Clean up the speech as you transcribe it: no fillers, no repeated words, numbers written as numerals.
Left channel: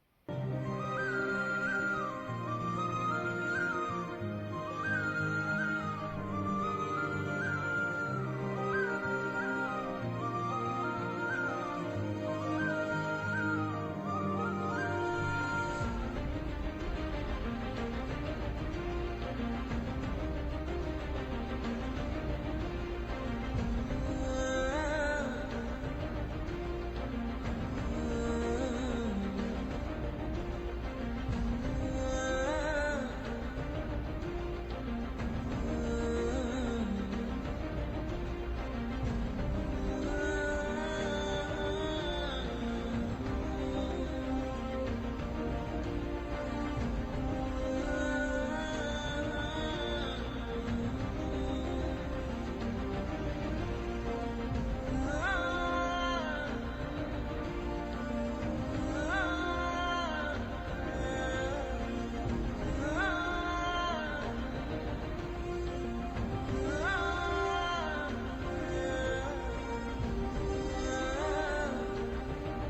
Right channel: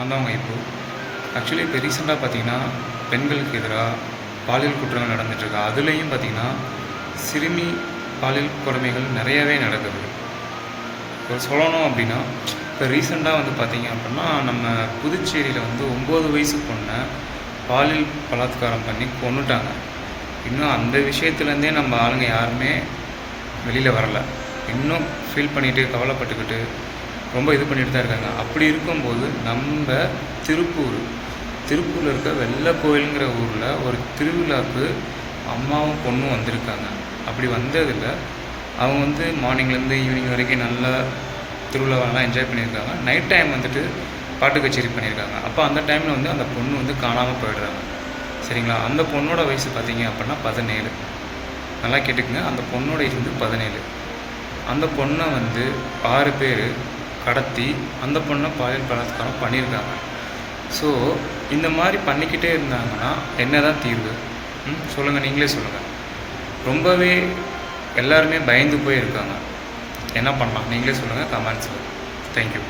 நான் தான் உங்கள் இப்போ ஆக்சுவலி இப்போ ரீசெண்டாக பார்த்தீங்கன்னா பெண்களுக்கு எதிராக பாலியல் குற்றங்கள் நடந்துகிட்ருக்கு. அதுலேயும் பார்த்தீங்கன்னா சிறுமி பாலியல் கொடுமைகள் நிறையவே நடக்குது. இப்போ சொல்லணும் அப்படின்னா இப்போ ரீசெண்டாக வந்து பார்த்தீங்க அப்படின்னா நம்ம புதுச்சேரியில் வந்து 9 வயசு பொண்ணை பாலியல் பலாத்காரம் பண்ணி கொன்னுட்டாங்க. இன்னும் அந்த விஷயத்துலேருந்தே நம்ம ஆளுங்க யாருமே வெளியில் வரலை. இன்னும் ஃபீல் பண்ணிவிட்டு கவலைப்பட்டுக்கிட்டு ரொம்ப இது பண்ணிட்டு தான் இருக்காங்க. அப்படி இருக்கும்போது நம்ம திருப்பூரில் இருக்க வெள்ளை கோயிலுங்கிற ஊரில் ஒரு திருவிழாவுக்கு அம்மாவும் பொண்ணும் வந்திருக்காங்க. அப்படி வந்ததில் அவங்க வந்து மார்னிங்லேருந்து ஈவினிங் வரைக்கும் நல்லா திருவிழாவெல்லாம் என்ஜாய் பண்ணியிருக்காங்க. நைட் டைம் வந்துட்டு பாட்டு கச்சேரி பண்ணியிருக்காங்க. அப்போ அந்த டைமில் வந்து அந்த பொண்ணு வந்து காணாமல் போயிடுறாங்க. சரிங்களா? அந்த பொண்ணோட வயசு பார்த்தீங்க அப்படின்னா 17. நல்லா கேட்டுக்குங்க, அந்த பொண்ணோட ஏஜ் வந்து 17. அந்த பொண்ணை வந்து 6 பேர் கடத்தி அந்த பொண்ணை பாலியல் பலாத்காரம் பண்ணியிருக்காங்க. ஸோ இந்த மாதிரி பண்ணிக்கிட்டே இருந்தாங்கன்னா என்ன தான் தீர்வு? சொல்லுங்கள், நீங்களே சொல்லுங்கள். ரொம்பவே எல்லாருமே பயந்து போயிருக்காங்க. என்ன பண்ணலாம் நீங்களே சொல்லுங்கள் கமெண்ட்ஸில். தேங்க்யூ.